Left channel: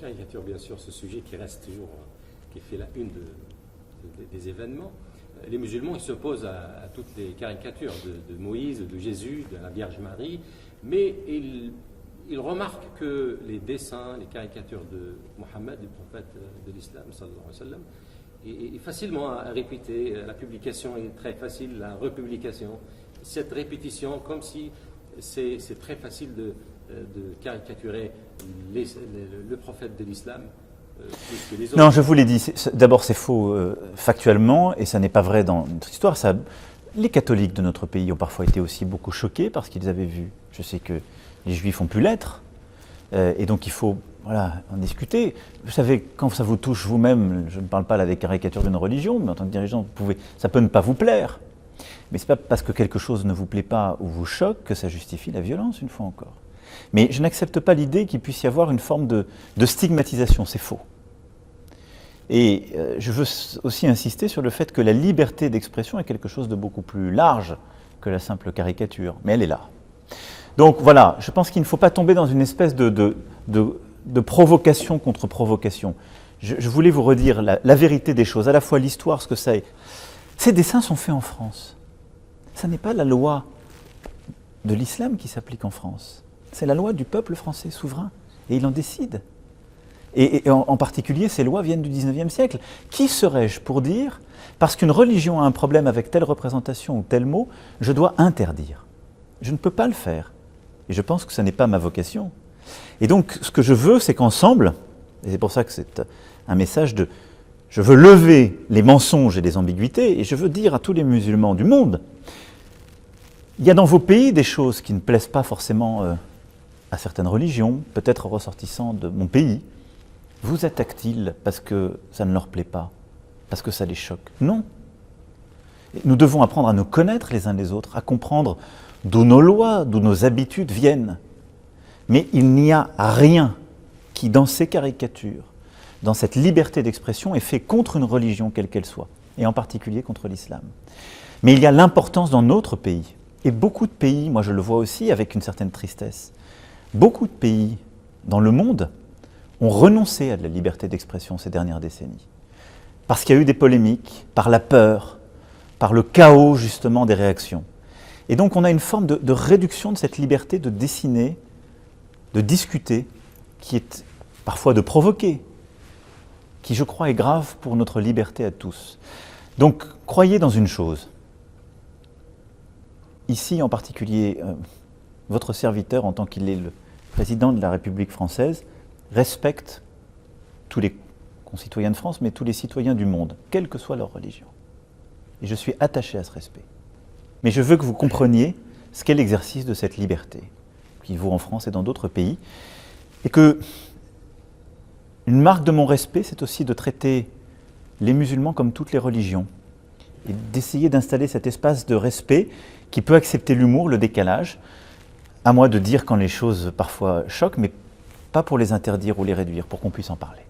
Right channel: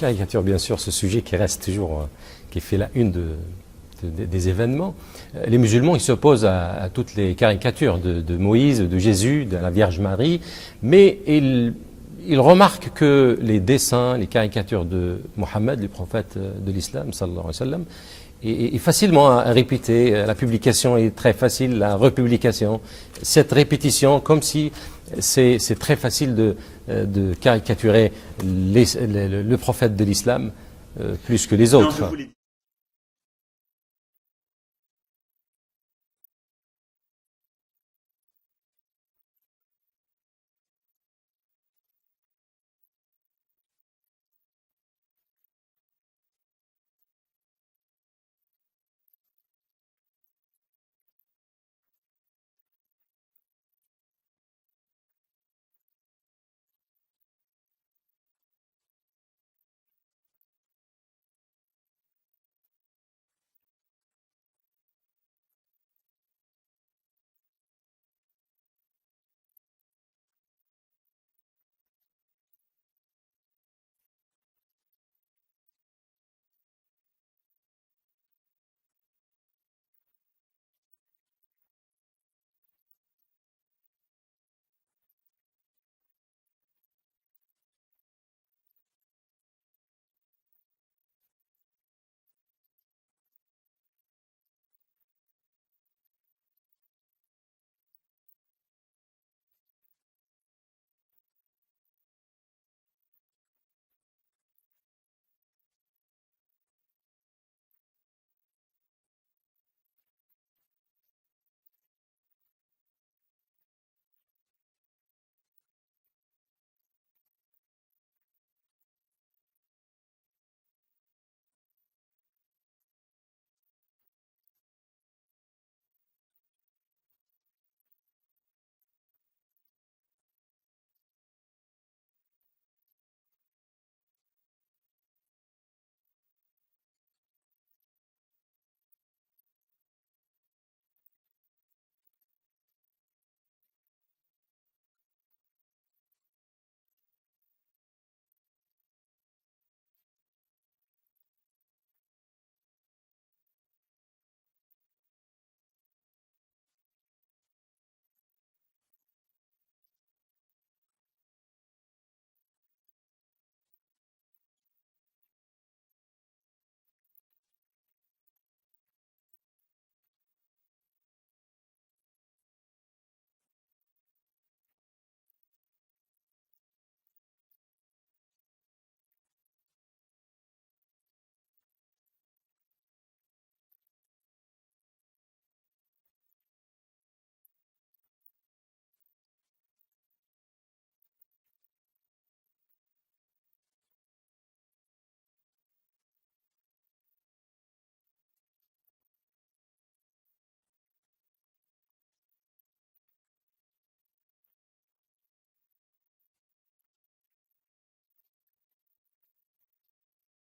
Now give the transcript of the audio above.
Caricature, bien sûr, ce sujet qui reste toujours, qui fait la une des événements. Les musulmans, ils s'opposent à toutes les caricatures de Moïse, de Jésus, de la Vierge Marie, mais ils remarquent que les dessins, les caricatures de Mohammed, le prophète de l'islam, sallallahu alayhi wa sallam, est facilement à répéter. La publication est très facile, la republication. Cette répétition, comme si c'est très facile de caricaturer le prophète de l'islam plus que les autres. Non, je vous l'ai dit, d'abord c'est faux factuellement, et ça n'est pas vrai dans notre histoire. Les catholiques de notre pays ont parfois été aussi beaucoup choqués parce qu'ils avaient vu, je sais que les juifs ont pu l'être, et donc il faut en discuter. Vous savez, quand ça vous touche vous-même, je ne parle pas là des caricatures d'une religion, mais en tant que dirigeant, ça peut ne pas vous plaire. Mais ce n'est pas parce que quelque chose ne vous plaît pas ou vous choque que ça justifie la violence, une fois encore. Mais je n'accepte pas l'idée qu'il puisse y avoir une forme de stigmatisation, c'est faux. Et je veux aussi insister sur le fait que la liberté d'expression est quelque chose de beaucoup plus large que la simple caricature, mais elle est là. Donc voilà, je pense qu'il ne faut pas tomber dans une espèce de provocation contre provocation. Je voulais vous redire la vérité des choses, à la fois l'histoire, ce que ça est. Ces dessins sont faits en France. Ce n'est pas la loi de l'islam qui s'applique en France. C'est la loi du peuple français souverain. Et il en décide. Et en particulier, ces lois viennent du 19e siècle. Qui serais-je pour dire, parce qu'une religion a un problème avec telle représentation ou tel mot, je dois interdire? Je ne peux pas le faire. Et je pense que ce n'est pas ma vocation. Et donc, ce que je veux, c'est qu'ensemble, et c'est pour ça que c'est un message de... Je veux lever les mensonges et les ambiguïtés, et je veux dire à tous les musulmans du monde, il y a dans vos pays des choses qui ne plaisent pas forcément à certaines religions, peut-être ressortissants de mon pays. Vous attaquent-ils parce que ça ne leur plaît pas, parce que ça les choque? Non. Nous devons apprendre à nous connaître les uns les autres, à comprendre d'où nos lois, d'où nos habitudes viennent. Mais il n'y a rien qui, dans ces caricatures, dans cette liberté d'expression, est fait contre une religion quelle qu'elle soit, et en particulier contre l'islam. Mais il y a l'importance dans notre pays, et beaucoup de pays, moi je le vois aussi avec une certaine tristesse, beaucoup de pays dans le monde ont renoncé à la liberté d'expression ces dernières décennies. Parce qu'il y a eu des polémiques, par la peur, par le chaos justement des réactions. Et donc on a une forme de réduction de cette liberté de dessiner, de discuter, qui est parfois de provoquer, qui je crois est grave pour notre liberté à tous. Donc croyez dans une chose. Ici en particulier, votre serviteur en tant qu'il est le président de la République française, respecte tous les concitoyens de France, mais tous les citoyens du monde, quelle que soit leur religion. Et je suis attaché à ce respect. Mais je veux que vous compreniez ce qu'est l'exercice de cette liberté, qui vaut en France et dans d'autres pays, et que une marque de mon respect, c'est aussi de traiter les musulmans comme toutes les religions, et d'essayer d'installer cet espace de respect qui peut accepter l'humour, le décalage, à moi de dire quand les choses parfois choquent, mais pas pour les interdire ou les réduire, pour qu'on puisse en parler.